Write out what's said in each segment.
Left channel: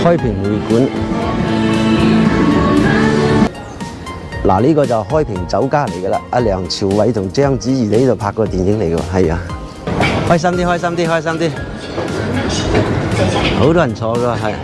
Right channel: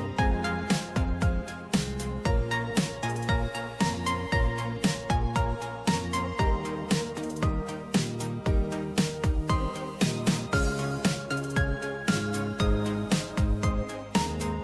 開平會館。嗱，呢個就開平酒家嚟㗎啦。阿梁朝偉同章子怡喺呢度拍過電影嚟㗎，係啊。開心啲，開心啲，開心啲。好多人坐㗎，係。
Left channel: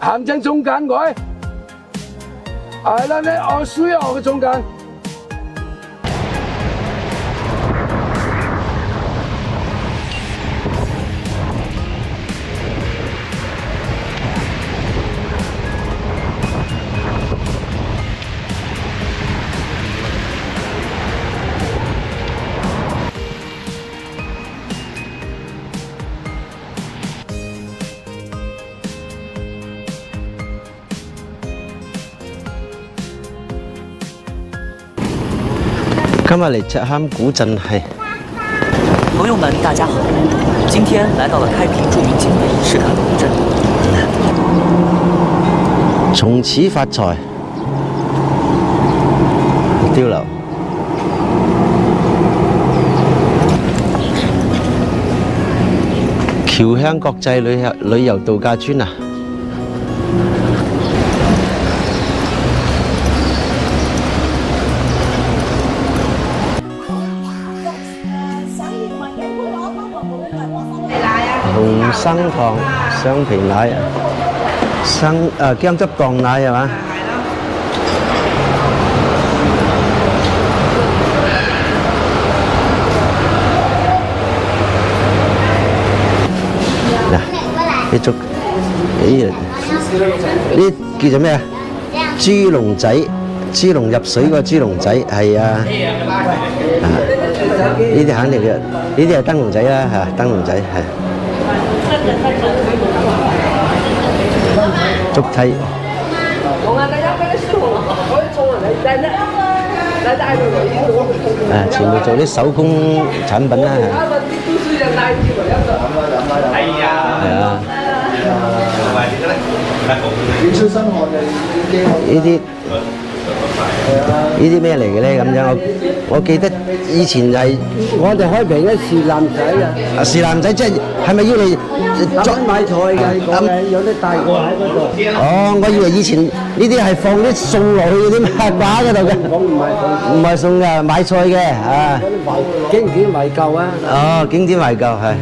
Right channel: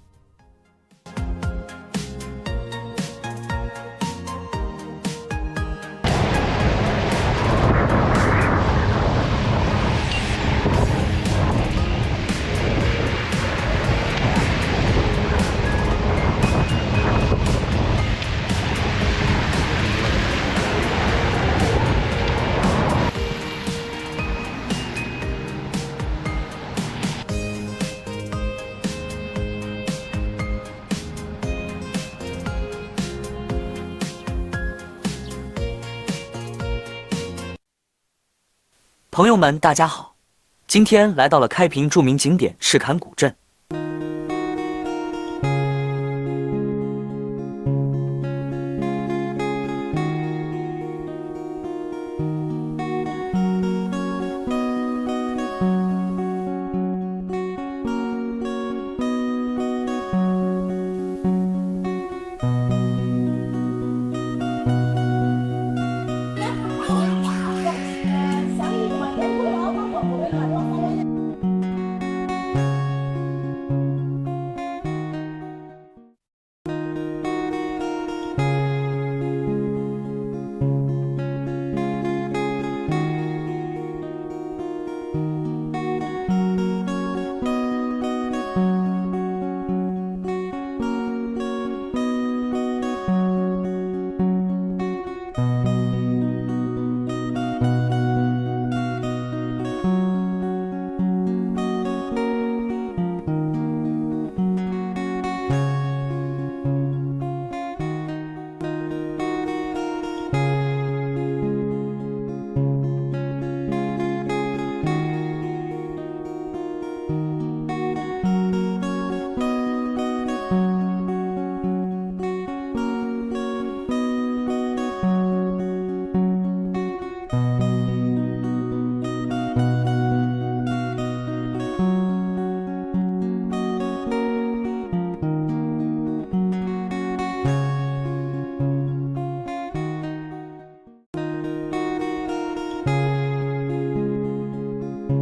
行正中間佢，係啦，你我需要嘅中間。今日嚟赤坎古鎮係。朋友们，大家好！今天来到了开平著名景点赤坎古镇。從此發財，碉樓。僑鄉國際旅遊度假村啊！生糖、雙皮奶啊，薑汁撞奶係嘛？嗱，呢竹，呢叫做咩啊？豬籠仔，豬籠入水個豬籠仔係啊，呢啲肯定嘅，呢啲係燈籠仔啦嚇，燈籠仔係。竹梯。全部做啲手工產品啦。係啊。呢啲咩嚟嘅咧？咁樣我記得以前係我哋開平嘅士林仔啊，士林仔即係咪要嚟裝買菜嘅？有啲大個喺嗰度。哦，我以為以前呢啲係放啲餸落去嗰啲掛嗰度嘅。唔係餸嘅，買菜嘅啊。經典懷舊啊！哦，經典懷舊係。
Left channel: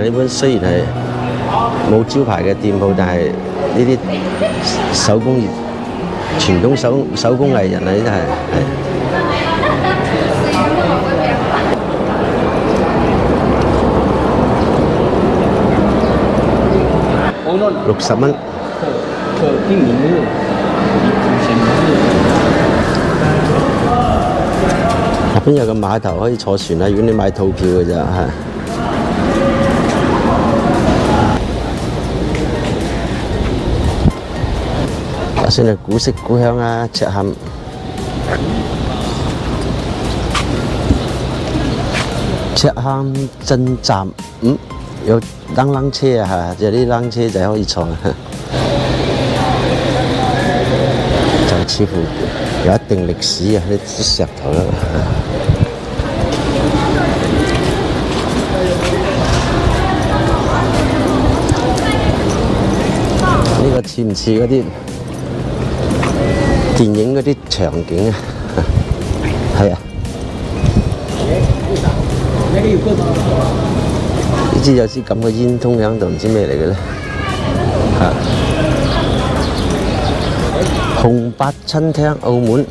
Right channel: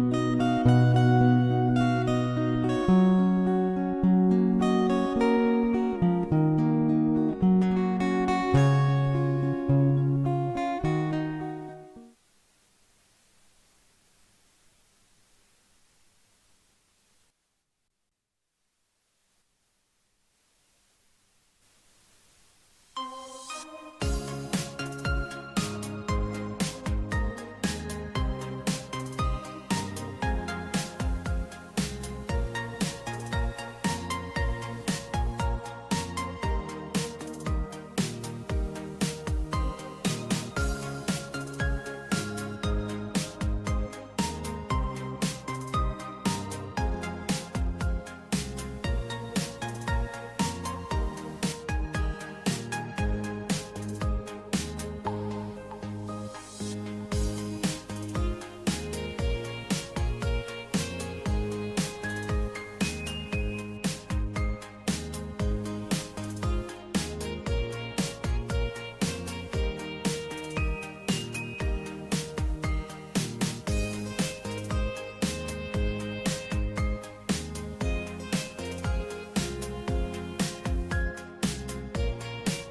呢本雖然係冇招牌嘅店鋪，但係呢啲手工業、傳統手工藝人啊，呢啲係60蚊。入邊有個碼頭可以坐船啊！如果你買套票嘅咋嚇。算係古色古香啊！赤坎鎮站，有冷車啊嚇，有啲冷車仔可以坐，就似乎有一定歷史啊！啲石頭啦。個似唔似嗰啲電影嗰啲場景啊？係啊。呢支有支咁嘅煙通喺度，唔知咩嚟嘅咧？嚇！紅白餐廳澳門。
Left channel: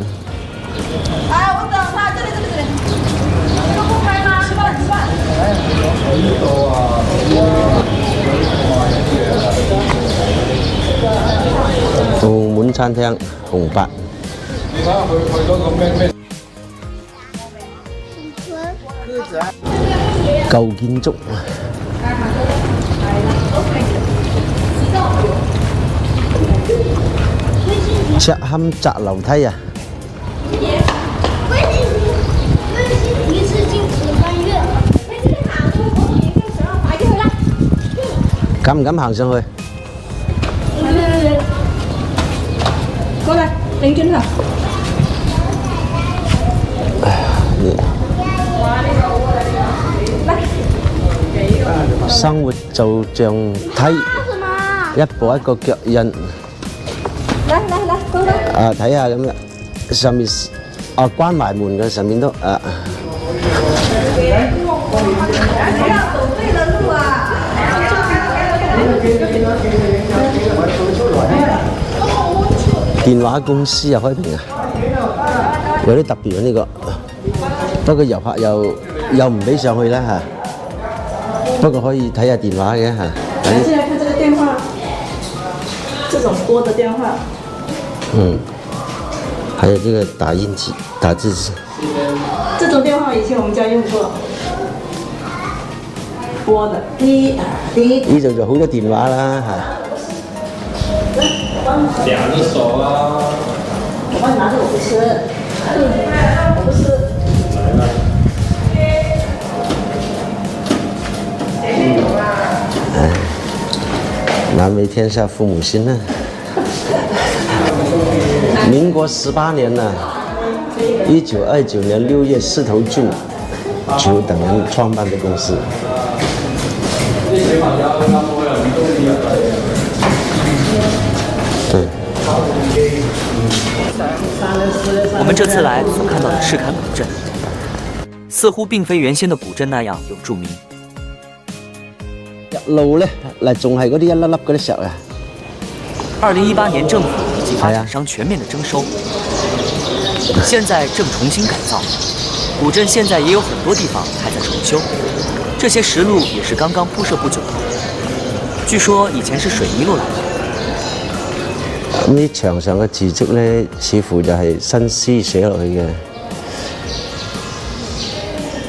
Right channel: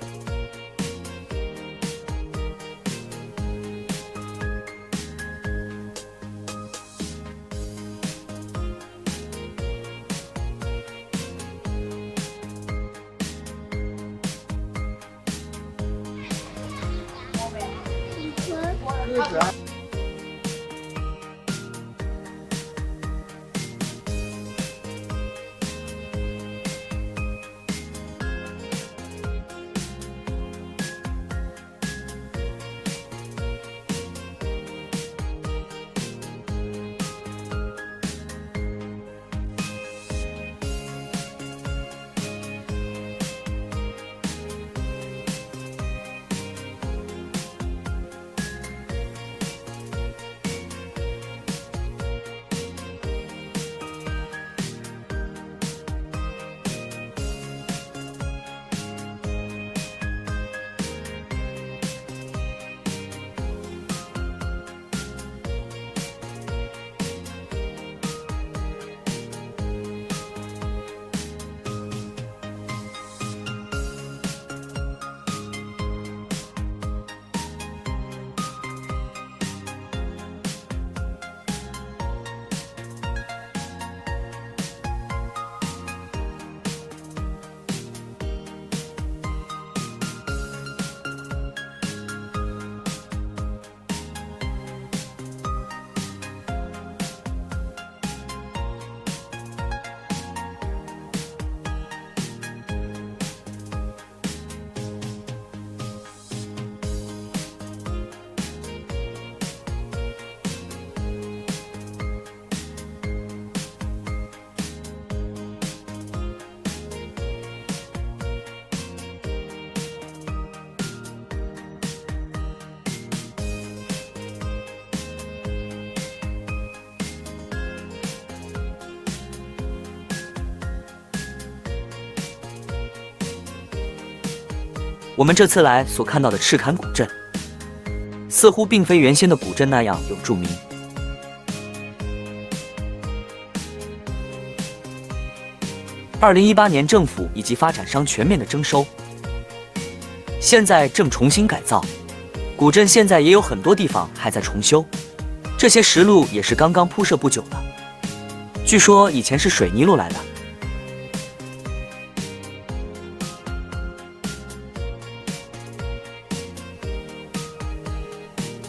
我等他，这里，这个不拍吗？吃饭，吃飯。澳門餐廳紅白。舊建築。赤坎窄樓梯啊！敢唔敢行上去？過來，擰轉頭。生活就像梯，一步一個腳印。來，過來。啊，睇下咁啦，上面啊關埋門嘅，上面都啊。電話公司又開屏啊，有啲特別啊呢個，不過遊客又唔俾上去啦嚇。不過可以睇下電話嘅嚇。現在看這個電話，這種撥的電話。嗯，還有這個打印機、打字機。這種電話以前我們家用過，撥的。呢度就好多電話啦嚇。兩隻手啊！我幫你拿着，我不吃。我不吃。難為天下父母心啊！民國18年呐，1929年6月4頭就等人創辦的公司。對。我们这次来所看到的赤坎古镇，似乎并非原先的古镇那样有著名。路咧，嗱仲係嗰啲一粒粒嗰啲石啊。2018年政府以及发展商全面的征收，现在正重新改造。古镇现在也有很多地方还在重修，这些石路也是刚刚铺设不久的。据說以前是水泥路來的。咁啲牆上嘅字跡咧，似乎就係新詩寫落去嘅。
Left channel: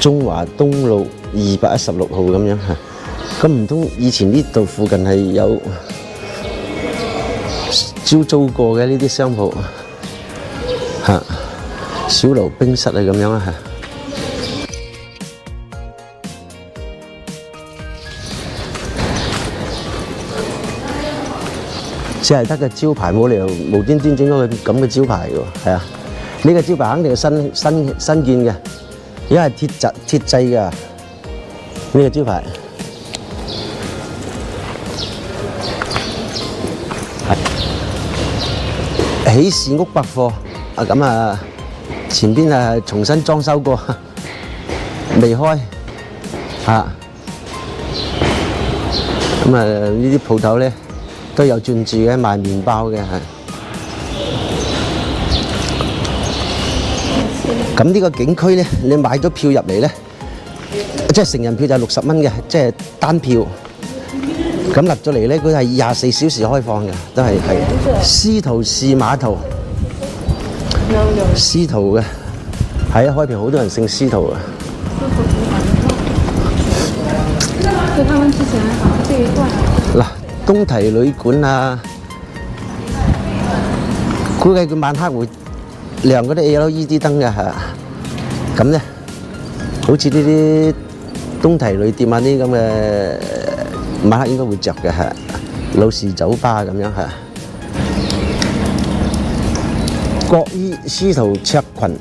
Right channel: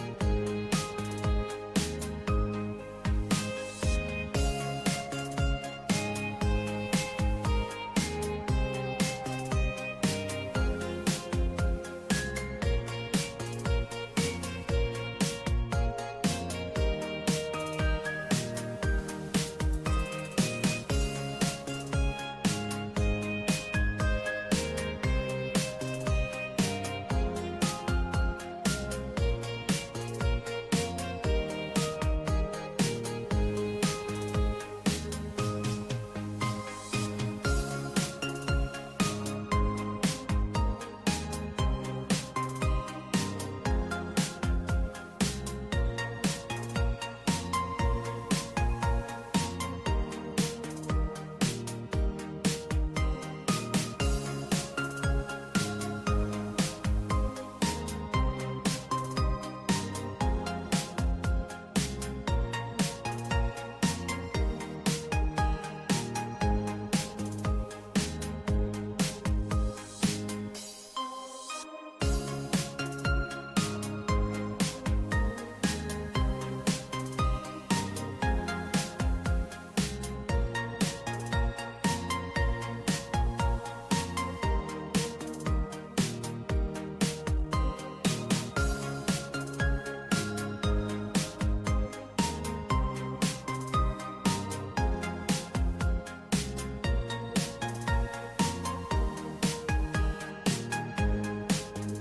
中華東路216號咁樣嚇。咁唔通以前呢度附近係有招租過嘅呢啲商鋪嚇，小爐冰室啊咁樣啊嚇。只係得個招牌，冇理由無端端整咗個咁嘅招牌喎，係啊！呢個招牌肯定係新建嘅，因為鐵製㗎，呢個招牌。喜事屋百貨啊，咁啊，前邊啊重新裝修過，未開嚇。咁啊，呢啲鋪頭咧都有轉住嘅，賣麵包嘅係。咁呢個景區咧，你買咗票入嚟咧，即係成人票就係60蚊嘅，即係單票。咁入咗嚟咧，佢係24小時開放嘅，都係司徒氏碼頭，司徒嘅，係啊，開屏好多人姓司徒啊。就他們之前這一段。嗱，東堤旅館啊，估計佢晚黑會亮嗰啲 LED 燈嘅嚇，咁咧，好似呢啲東堤旅店啊啲咁嘅。晚黑應該會着嘅係老士酒吧咁樣係。國醫司徒卓群，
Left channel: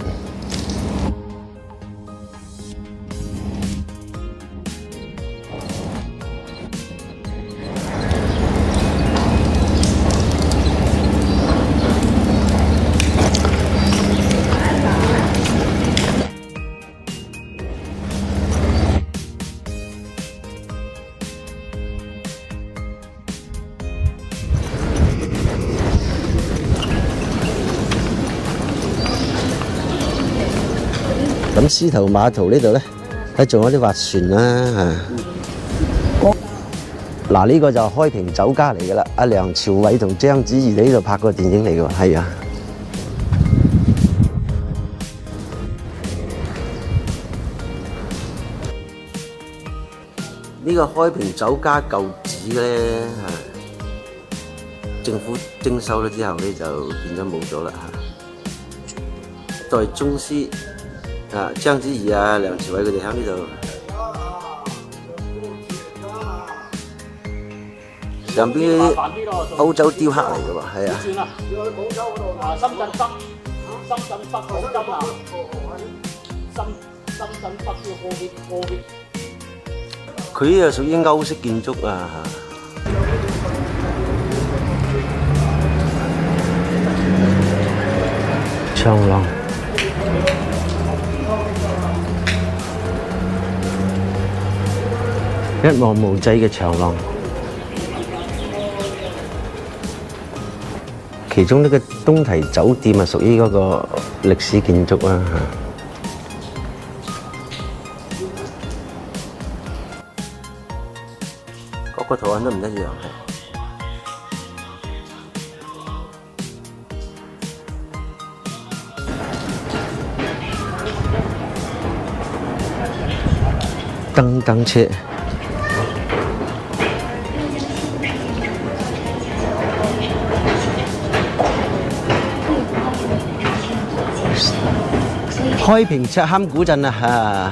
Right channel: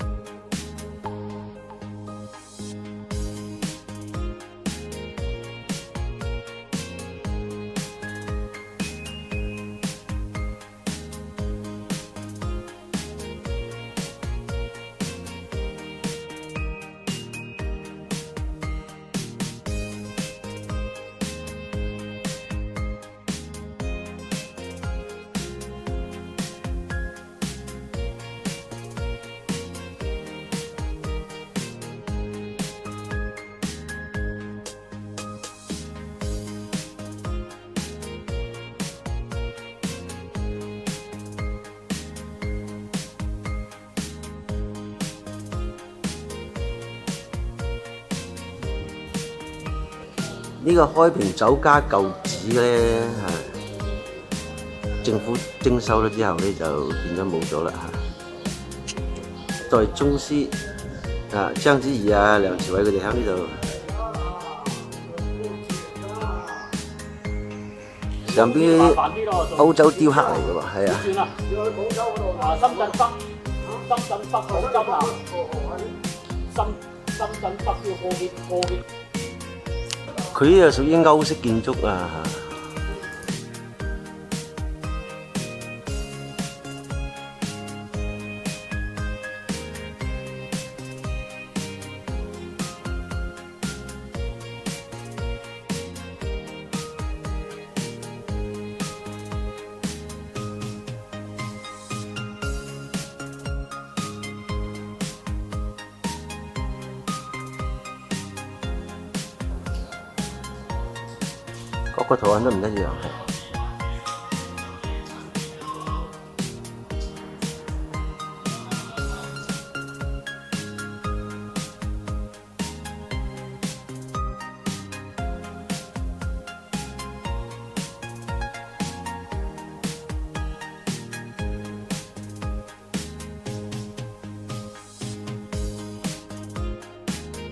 咁獅頭碼頭呢度咧，咧仲有啲划船啦嗱，呢個就開平酒家嚟噶啦，阿梁朝偉同章子怡喺呢度拍過電影嚟㗎，係啊。呢個開平酒家舊址咧，政府徵收咗之後咧，就變咗冇咗啦代宗師章子怡啊、梁朝偉佢哋喺呢度。上邊歐洲雕刻嚟嘅喎，係啊。算啦，要去廣州嗰度深圳北黃金啊，深圳北要過啲。佢呢個屬於歐式建築啊。長廊。一望無際嘅長廊。其中呢個東堤酒店啊，屬於嗰個歷史建築啦。各個圖案都唔一樣，燈車。開平赤坎古鎮啊！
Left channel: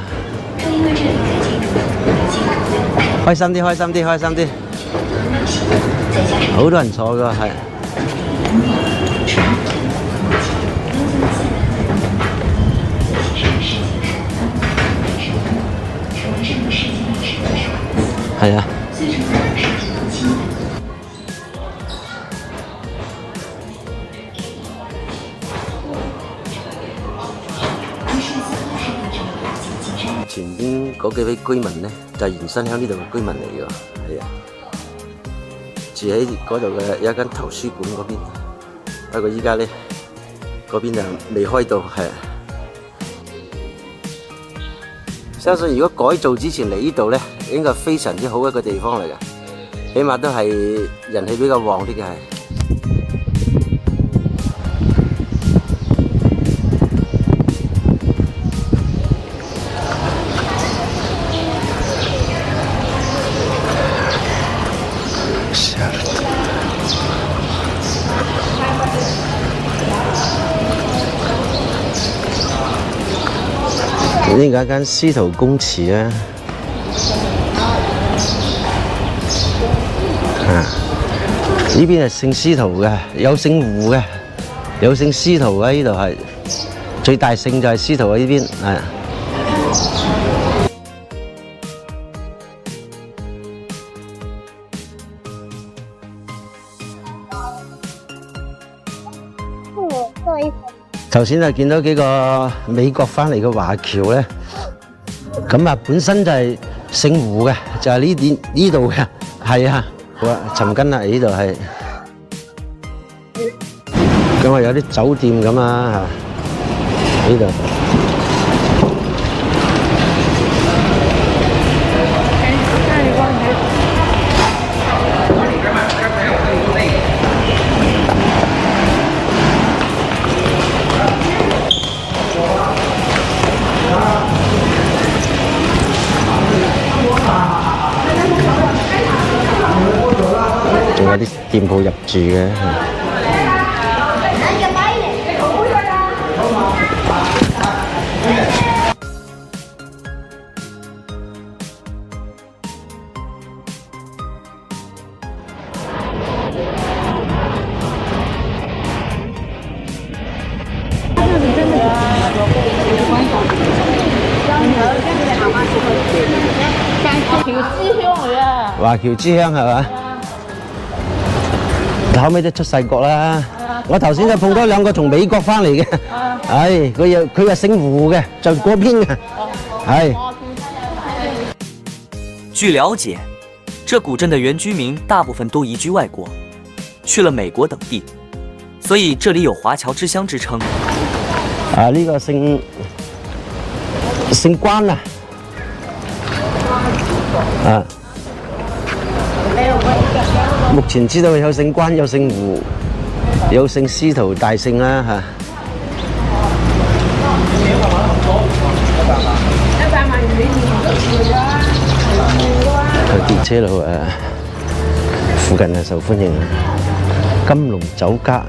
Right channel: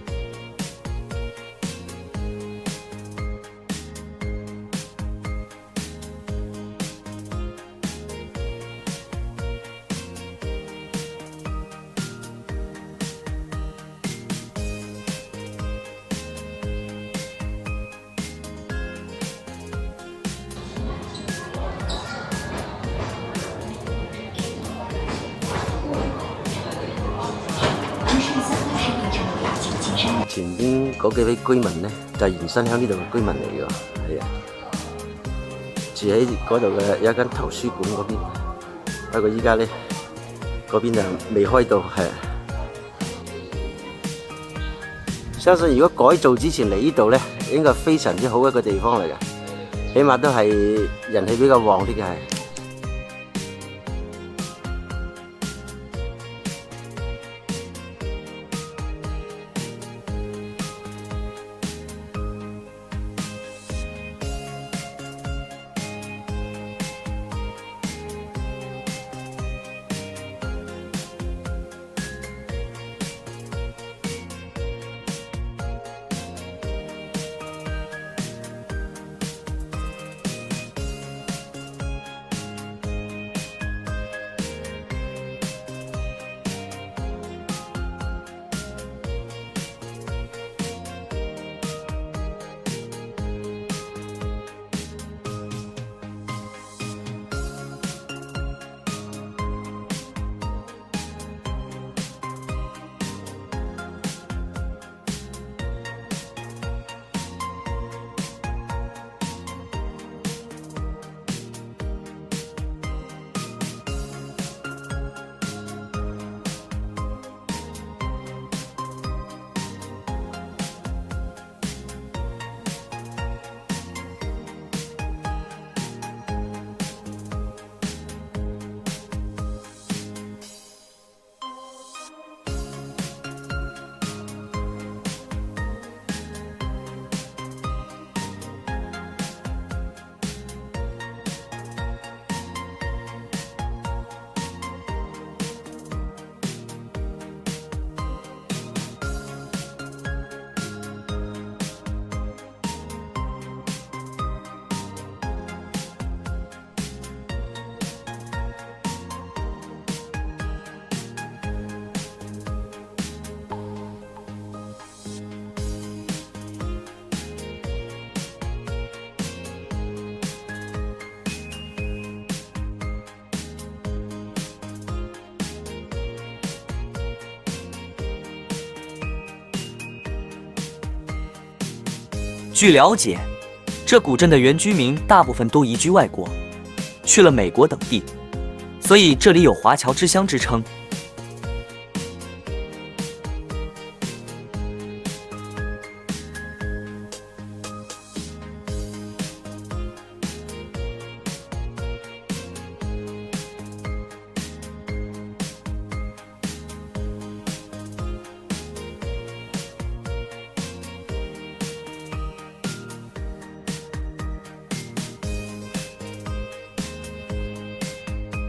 開心啲，開心啲，開心啲，好多人坐㗎，係。係啊。前邊嗰幾位居民咧，就係原生喺呢度嘅居民嚟㗎，係啊，住喺嗰度嘅有一間圖書館嗰邊，不過依家咧嗰邊就未開到，係啊。相信如果改造之前嚟呢度咧，應該係非常之好一個地方嚟嘅，起碼都係人氣比較旺啲嘅係。呢個一間司徒公祠啊，呢邊係姓司徒嘅，有姓胡嘅，有姓司徒嘅，呢度係最大姓就係司徒喺呢邊，係。頭先就見到幾個美國翻嚟嘅華僑咧，咁啊本身就係姓胡嘅，就係呢度嘅，係啊，好啊，尋根啊，呢度係，咁啊有啲酒店咁啊，呢度。仲有啲店鋪入住嘅。華僑之鄉係嘛？後尾都出世國啦。我頭先就碰到兩個從美國翻嚟嘅，係佢又姓胡嘅，就嗰邊嘅，係。據了解，这古镇的原居民大部分都移居外国，去了美国等地，所以这里有华侨之乡之称。呢個姓姓關啊，啊，目前知道有姓關，有姓胡，有姓司徒大姓啦嚇。個電車路附近係受歡迎，金龍酒家。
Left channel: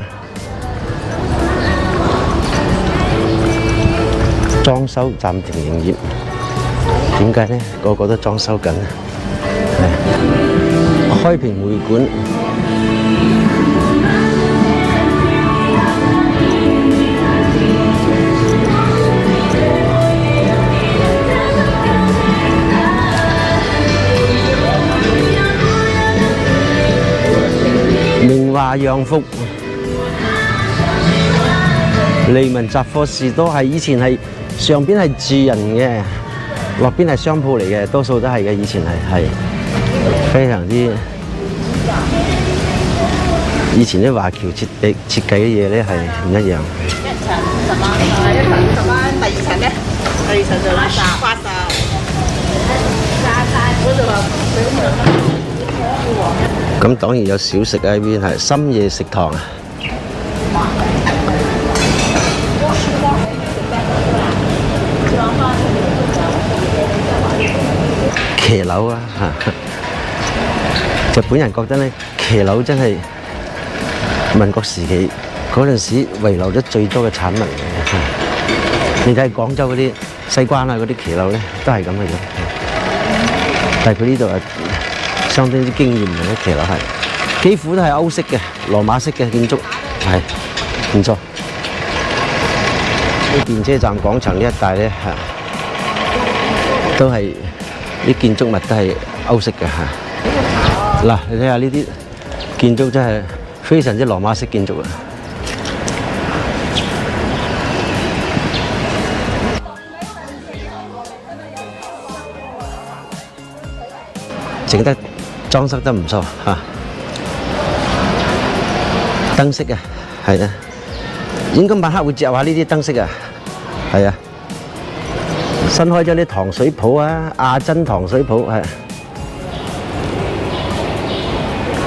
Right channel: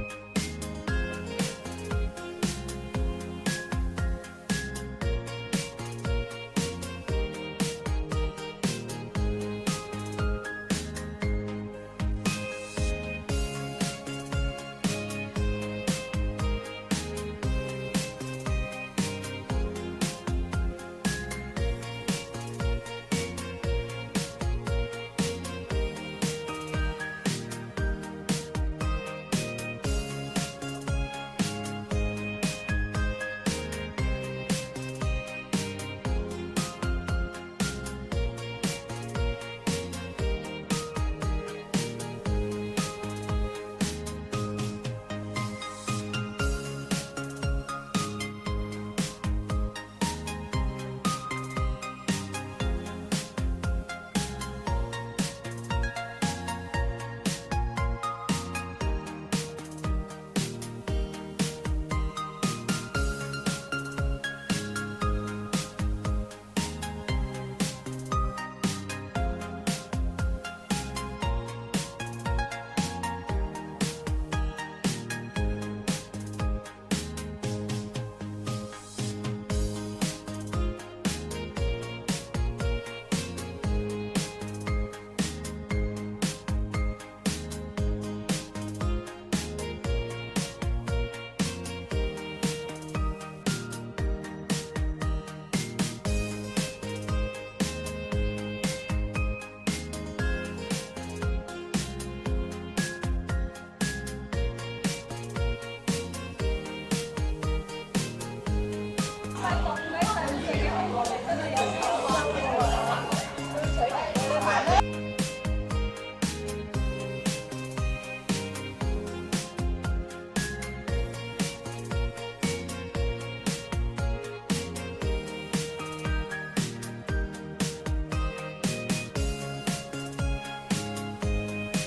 裝修暫停營業，點解呢？個個都裝修緊。開平會館，明華洋服，利民雜貨士都係以前係。上邊係住人嘅，落邊係商鋪嚟嘅，多數都係嘅。以前係非常之，以前啲華僑設計嘅嘢咧係唔一樣。一層50蚊，第二層咧？第二層就80。咁當然有小食喺邊，係深夜食堂。騎樓啊！日本人覺得咧，騎樓真係民國時期嗰陣時遺留咗最多嘅產物。你睇廣州嗰啲西關啊，嗰啲騎樓咧都係咁嘅樣。但係佢呢度係相當之驚豔嘅騎樓，係幾乎都係歐式嘅羅馬式嘅建築，係唔錯。電車站廣場呢一帶咧都係。啲建築物都係歐式嘅嚇，嗱你睇下呢啲建築真係非常之羅馬式建築啊！整得裝飾得唔錯嚇，燈飾啊，係啊，應該晚黑會著下呢啲燈飾啊，係啊。新開咗啲糖水鋪啊，亞珍糖水鋪係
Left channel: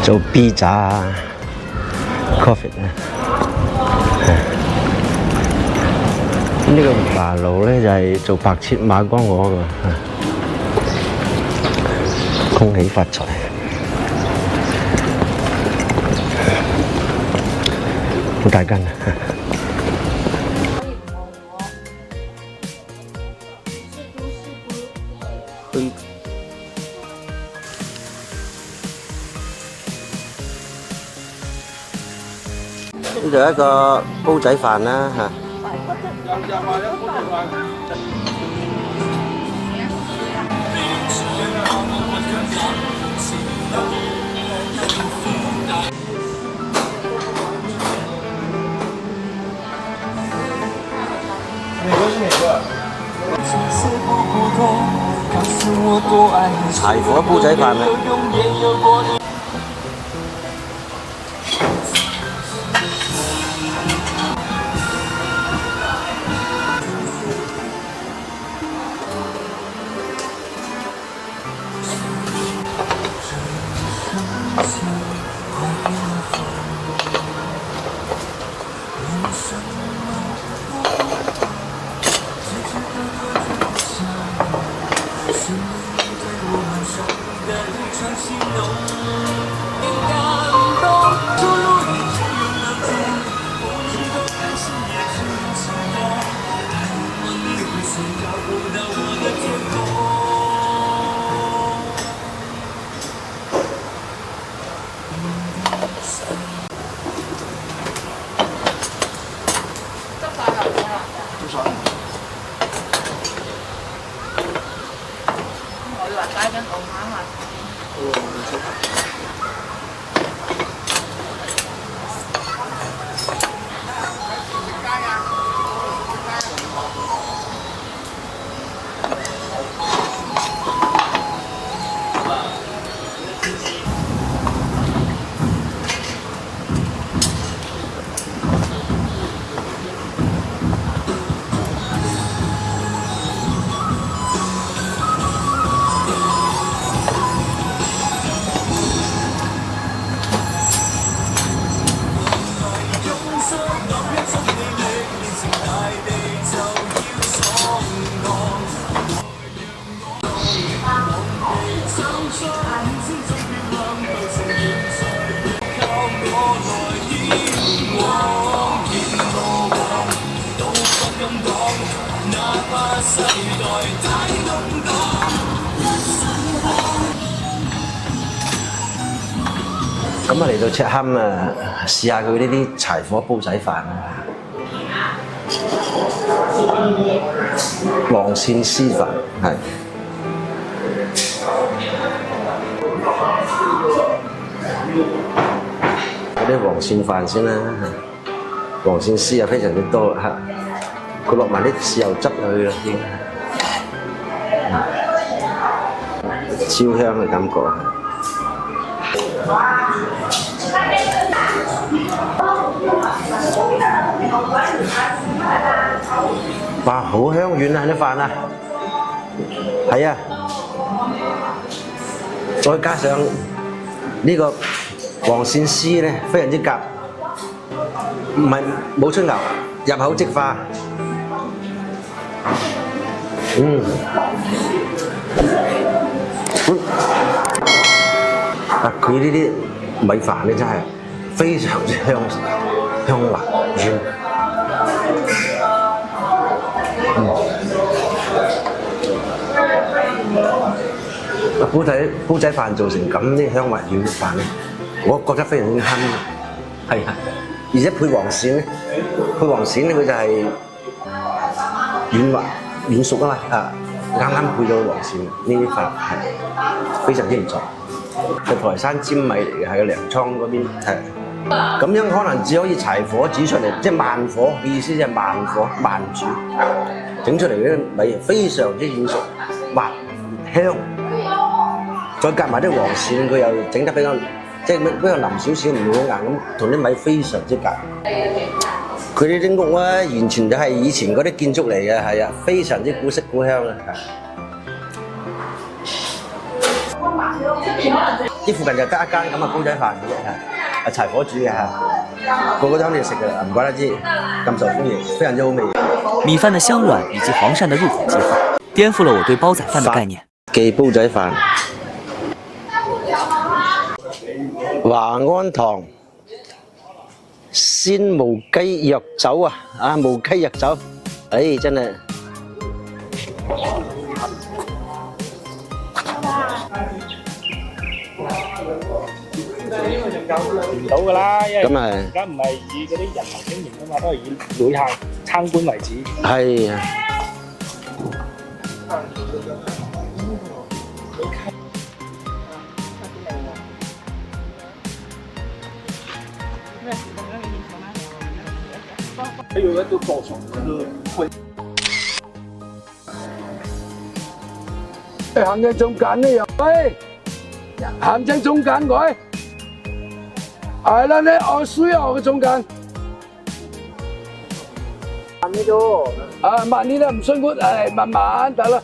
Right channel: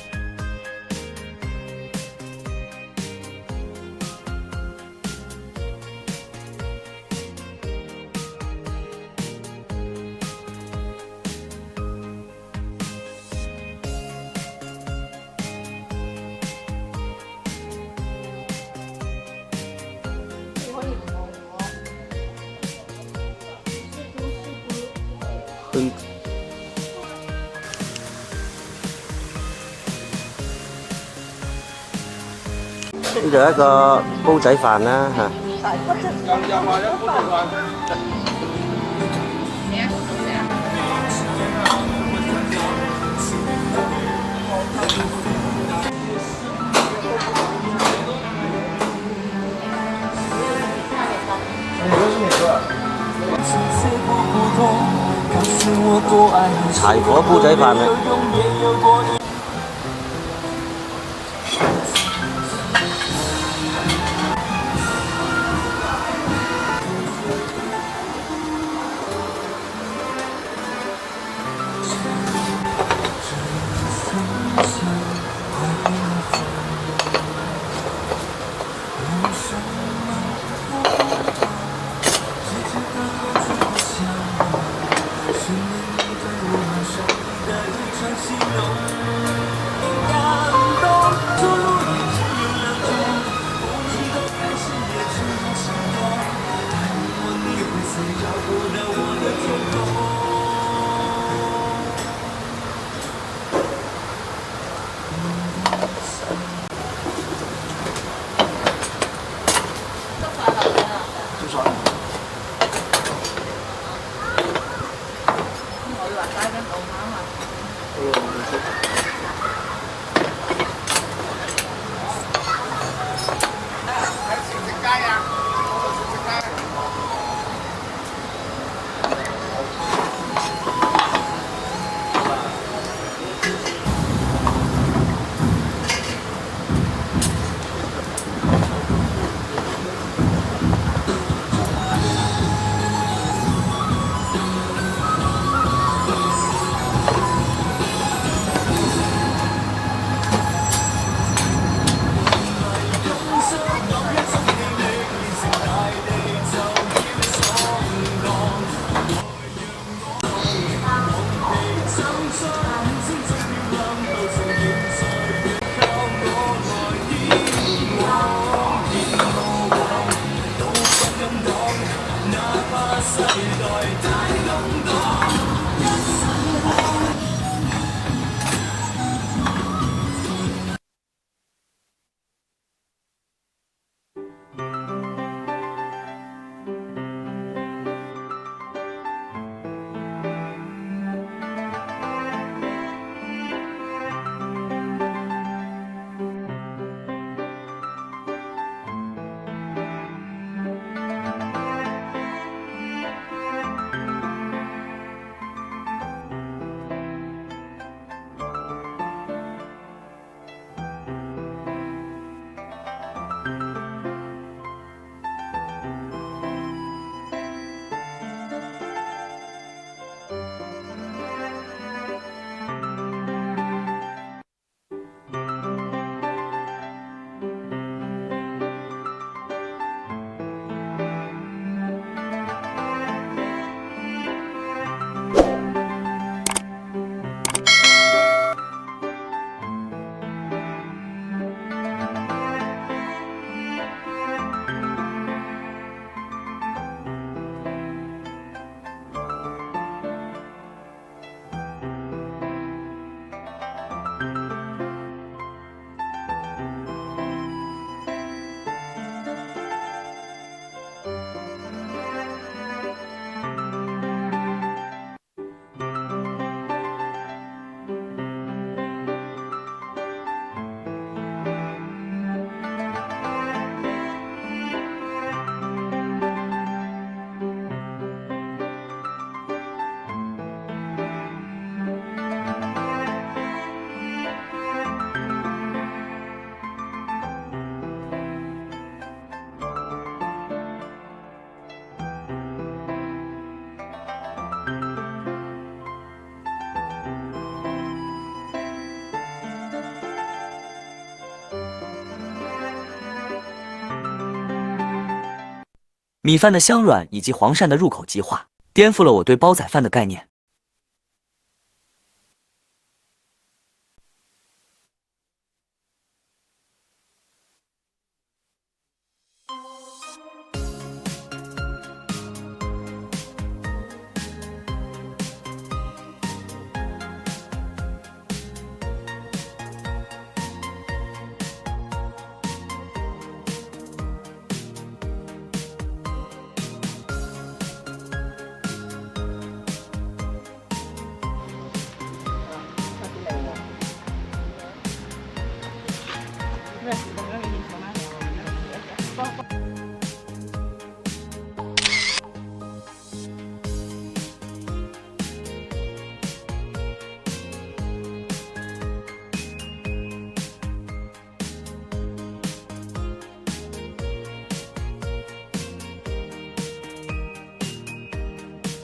做 B 炸啊 ，coffee 啊。呢個華爐咧就係做白切馬光鵝嘅，恭喜發財。好大間啊！呢度一個煲仔飯啦嚇，柴火煲仔飯啊！嚟到赤坎啊，試下佢呢啲柴火煲仔飯啊，黃鱔絲飯係。嗰啲黃鱔飯先啦，黃鱔絲啊非常之多嚇，佢落埋啲豉油汁入去啦已經。超香嘅感覺。哇，好香軟啊啲飯啊，係啊，再加上呢個黃鱔絲咧，非常之夾，唔係冇出牛，入口即化。佢呢啲米飯咧真係非常之香滑軟。煲仔飯做成咁啲香滑軟嘅飯咧，我覺得非常之香，係啊！而且配黃鱔咧，佢就係軟滑軟熟啊嘛啊！啱啱配咗黃鱔呢啲飯係非常之唔錯。係台山尖米嚟嘅，喺個糧倉嗰邊係。咁樣可能只可以柴火煮出嚟，即係慢火，意思就係慢火慢煮，整出嚟嘅米非常之軟熟、滑香。再夾埋啲黃鱔，佢又整得比較即係比較腍少少，唔會好硬咁，同啲米非常之夾。佢呢啲屋啊，完全就係以前嗰啲建築嚟嘅，係啊，非常之古色古香啊！啲附近就得一間咁嘅煲仔飯嘅，係柴火煮嘅嚇，個個都肯定食嘅，唔怪得知咁受歡迎，非常之好味。米飯的香軟以及黃鱔的入口即化，顛覆了我對煲仔飯的概念。記煲仔飯，華安堂鮮無雞藥酒啊！啊，無雞藥酒，真係〜到㗎啦，因為咁啊，而家唔係以嗰啲人民經營啊嘛，都係以旅客參觀為主。係啊。還有一個寶床，會。行喺中間呢又喂，行喺中間佢。係啦，你我需要嘅中間。慢啲啫。啊，慢啲啦，唔辛苦，係慢慢得啦。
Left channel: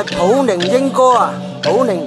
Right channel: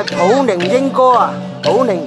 係普寧英歌啊，普寧。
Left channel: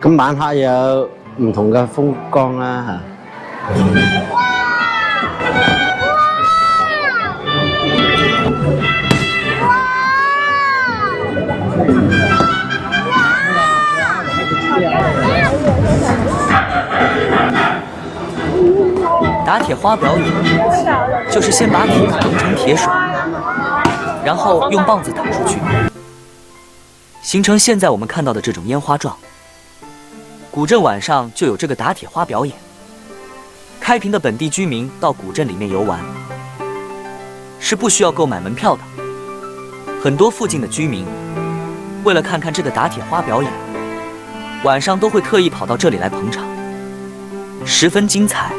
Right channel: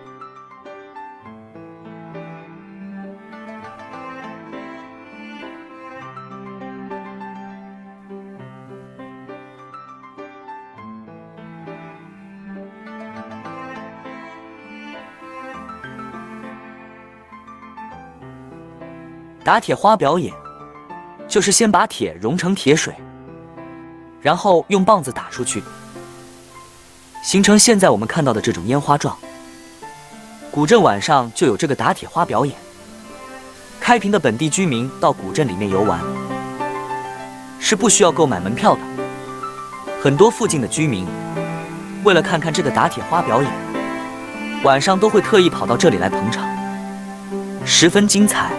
咁晚黑有唔同嘅風光啦嚇。打铁花表演就是先把铁融成铁水，然后用棒子打出去，形成现在我们看到的这种烟花状。古镇晚上就有这个打铁花表演，开平的本地居民到古镇里面游玩，是不需要购买门票的。很多附近的居民为了看看这个打铁花表演，晚上都会特意跑到这里来捧场，十分精彩。